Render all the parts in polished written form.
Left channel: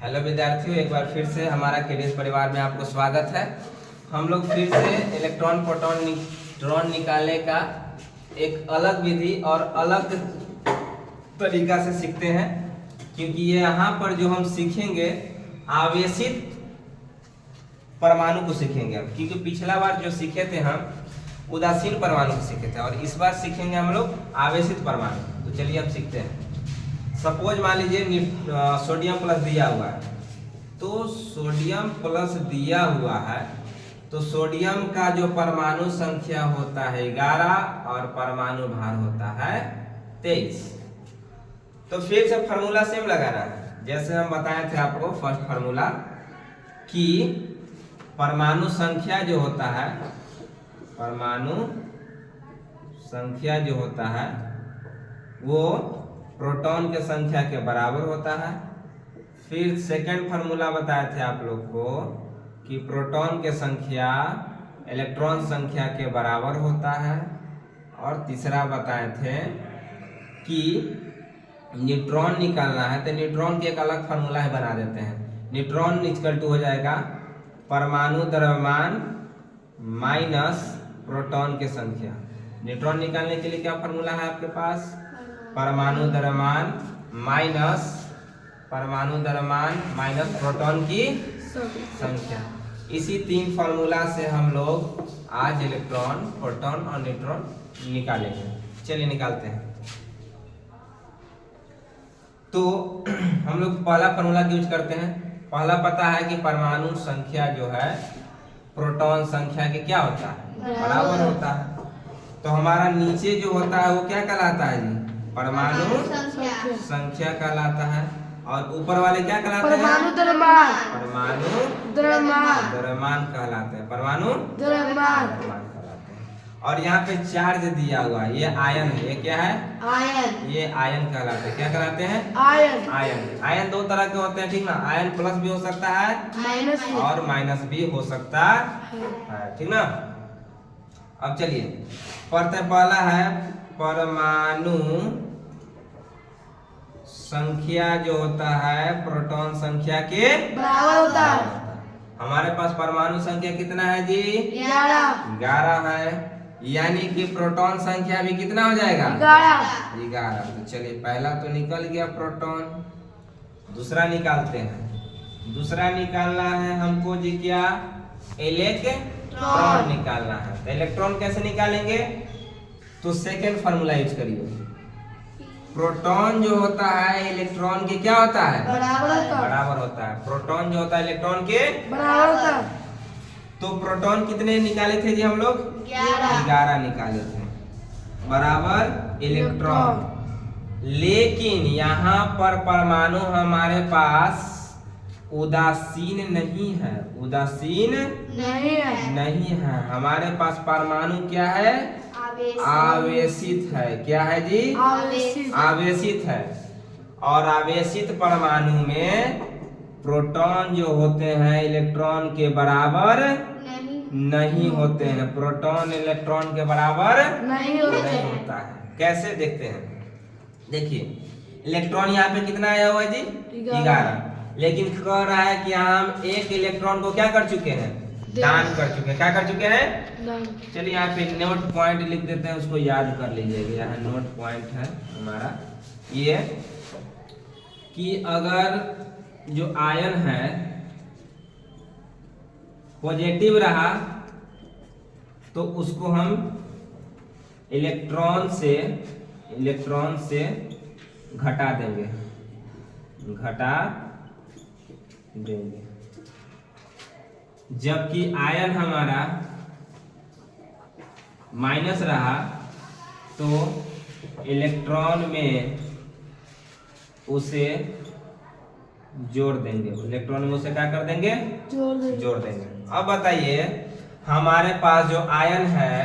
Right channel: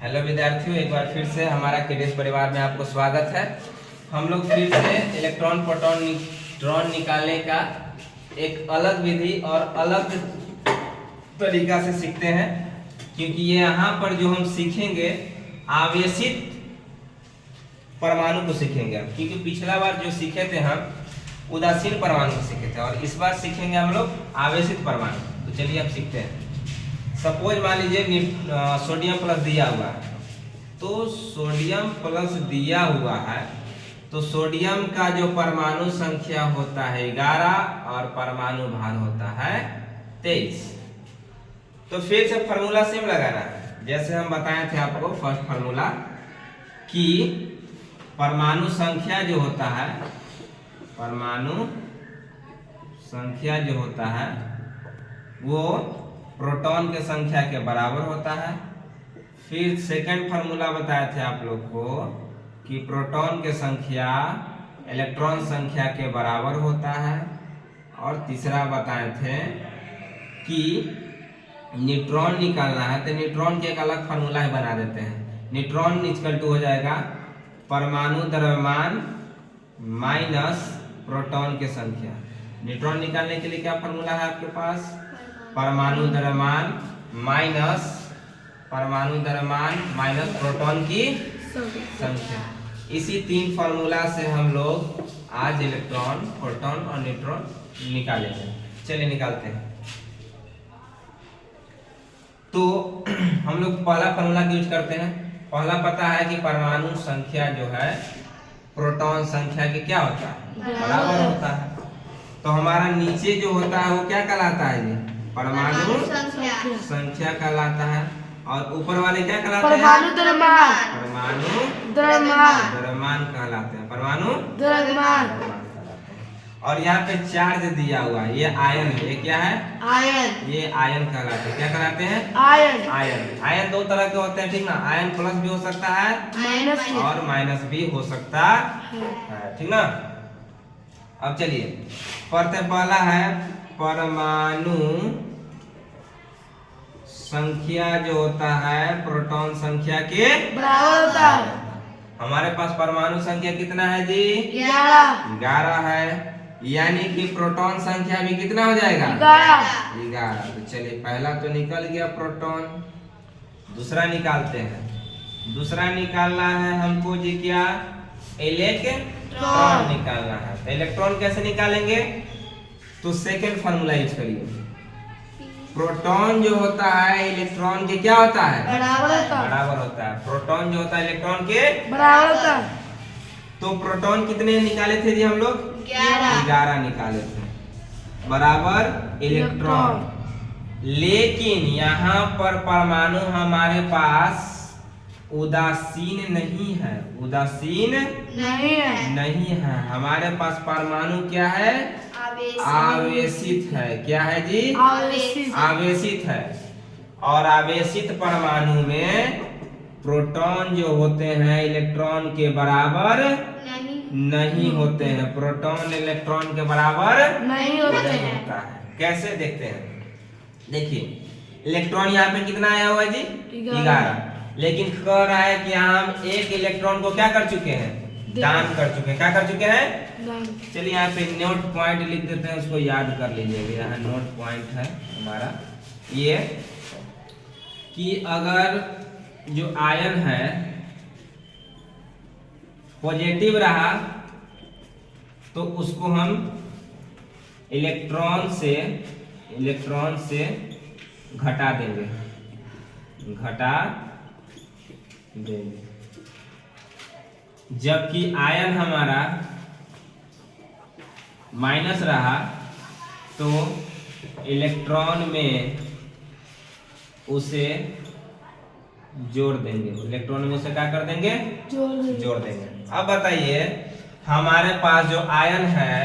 Hello विद्यार्थियों, एक बार फिर से हमारा केडीएस परिवार में आपको स्वागत है। हम लोग फिर से इलेक्ट्रॉन प्रोटॉन न्यूट्रॉन निकालने का एक अलग विधि और अलग तरीका से सीखते हैं, क्योंकि ये यहाँ पर जो हम सीखेंगे आवेशित परमाणु को सीखेंगे हम, क्योंकि पिछला बार जो सीखे थे हम उदासीन परमाणु को सीखे थे और इस बार सीखेंगे हम लोग आवेशित परमाणु। तो चलिए हम सीखते हैं। सपोज मान लीजिए सोडियम प्लस दिया हुआ है, तो सोडियम प्लस दिया हुआ है तो सोडियम का जो परमाणु संख्या होता है 11 और परमाणु भार होता है 23। तो फिर से फार्मूला सेम लगाना है जैसे हम बताए थे आपको फर्स्ट फार्मूला कि परमाणु संख्या जो होता है, परमाणु संख्या जो होता है वो प्रोटॉन के संख्या के बराबर होता है। फिर सेकंड फार्मूला बताए थे आप लोग को कि प्रोटॉन के संख्या इलेक्ट्रॉन संख्या के बराबर होता है। और तीसरा बताए थे कि न्यूट्रॉन निकालना है तो न्यूट्रॉन के एक अलग फार्मूला बना देते हैं। न्यूट्रॉन इक्वल टू हो जाएगा परमाणु द्रव्यमान माइनस प्रोटॉन की संख्या। न्यूट्रॉन निकालने के लिए क्या फार्मूला है आपके पास? परमाणु द्रव्यमान माइनस प्रोटॉन की संख्या। इसी तीन फार्मूला से हम लोग आज इलेक्ट्रॉन, प्रोटॉन और न्यूट्रॉन निकालेंगे। चलिए निकालते हैं। तो हम लोग पहला फार्मूला यूज करते हैं। पहला पता है कि परमाणु संख्या जो है प्रोटॉन संख्या के क्या होता है? बराबर होता है। तो हमारा नीचे जो होता है वो क्या कहलाता है जी? परमाणु संख्या कहलाता है। और ऊपर वाले क्या कहलाते हैं? परमाणु द्रव्यमान कहलाते हैं। परमाणु द्रव्यमान कहलाते हैं। और यहाँ पे चार्ज दिया हुआ है, ये आयन है। ये क्या है? आयन। ये आयन कहलाते हैं। क्या कहलाते हैं? आयन। आयन दो तरह के होते हैं, ठीक ना? आयन प्लस भी हो सकता है और माइनस भी हो सकता है, ठीक ना? अब चलिए पढ़ते। पहला है परमाणु संख्या जो होता है प्रोटॉन संख्या के बराबर होता है। हमारे पास परमाणु संख्या कितना है जी? 11 है, यानी कि प्रोटॉन संख्या भी कितना हो जाएगा? 11। तो चलिए पहला तो निकल गया प्रोटॉन। दूसरा निकालते हैं। दूसरा निकालना है हमको जी क्या? इलेक्ट्रॉन निकालना है। इलेक्ट्रॉन कैसे निकालेंगे? तो सेकंड फार्मूला यूज करिए। प्रोटॉन जो होता है इलेक्ट्रॉन के क्या होता है? बराबर होता है। प्रोटॉन जो होता है इलेक्ट्रॉन के बराबर होता है। तो प्रोटॉन कितने निकाले थे जी हम लोग? 11 निकाले थे, बराबर इलेक्ट्रॉन। लेकिन यहाँ पर परमाणु हमारे पास उदासीन नहीं है। उदासीन नहीं है। हमारे पास परमाणु क्या है? आवेशित है। क्या है जी? आवेशित है। और आवेशित परमाणु में प्रोटॉन जो होते हैं इलेक्ट्रॉन के बराबर नहीं होते हैं। प्रोटॉन इलेक्ट्रॉन के बराबर नहीं होता है। कैसे देखते हैं? देखिए इलेक्ट्रॉन यहाँ पे कितना आया हुआ है जी? 11। लेकिन कह रहा है कि हम एक इलेक्ट्रॉन को क्या कर चुके हैं? दान कर चुके हैं। क्या कर चुके हैं? चलिए यहाँ पे नोट पॉइंट लिख देते हैं, उसको याद कर लीजिएगा। यहाँ नोट पॉइंट है हमारा ये कि अगर जो आयन है पॉजिटिव रहा तो उसको हम इलेक्ट्रॉन से घटा देंगे। जबकि आयन हमारा माइनस रहा तो इलेक्ट्रॉन में उसे जोड़ देंगे। इलेक्ट्रॉन में उसे क्या कर देंगे? जोड़ देंगे। अब बताइए हमारे पास जो आयन है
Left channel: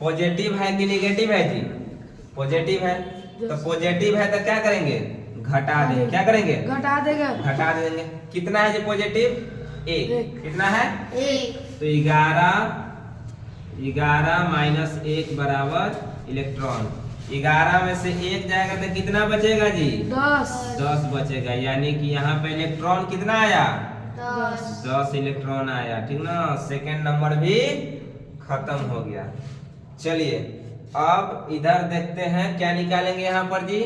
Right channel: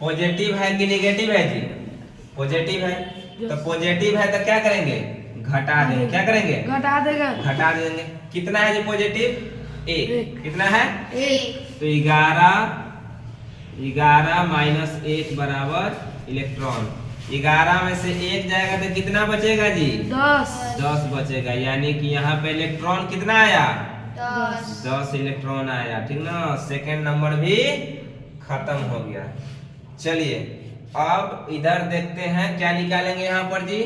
पॉजिटिव है कि नेगेटिव है जी? पॉजिटिव है। तो पॉजिटिव है तो क्या करेंगे? घटा देंगे। क्या करेंगे? घटा देंगे। कितना है जी पॉजिटिव? 1। कितना है? 1। तो 11 माइनस 1 बराबर इलेक्ट्रॉन। 11 में से 1 जाएगा तो कितना बचेगा जी? 10 10 बचेगा, यानी कि यहाँ पे इलेक्ट्रॉन कितना आया? 10 10 इलेक्ट्रॉन आया, ठीक ना। सेकेंड नंबर भी खत्म हो गया। चलिए अब इधर देखते हैं क्या निकालेंगे यहाँ पर जी।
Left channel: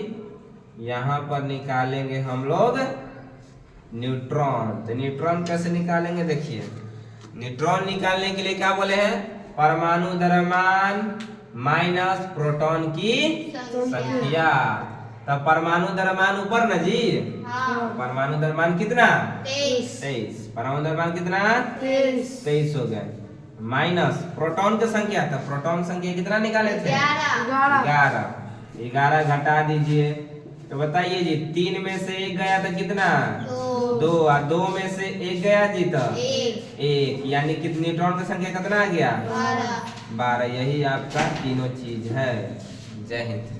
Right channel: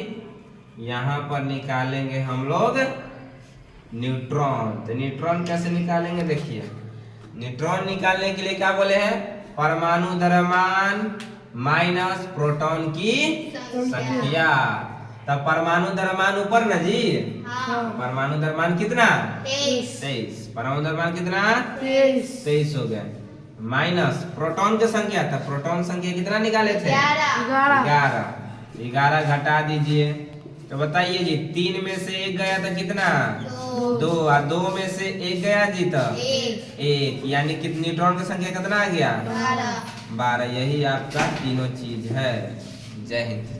यहाँ पर निकालेंगे हम लोग न्यूट्रॉन। तो न्यूट्रॉन कैसे निकालेंगे देखिए। न्यूट्रॉन निकालने के लिए क्या बोले हैं? परमाणु द्रव्यमान माइनस प्रोटॉन की संख्या। तब परमाणु द्रव्यमान ऊपर ना जी। परमाणु द्रव्यमान कितना? 23। परमाणु द्रव्यमान कितना? 23 हो गए। माइनस प्रोटॉन की संख्या, था प्रोटॉन संख्या कितना निकाले थे? 11। 11 घटा दीजिए तो बताइए जी, 3 में से 1 गया तो कितना? 2। और 2 में से 1 गया जी तो 1, यानी कि न्यूट्रॉन की संख्या कितना आ गया? 12। यही आपका तीनों चीज है। जय हिंद।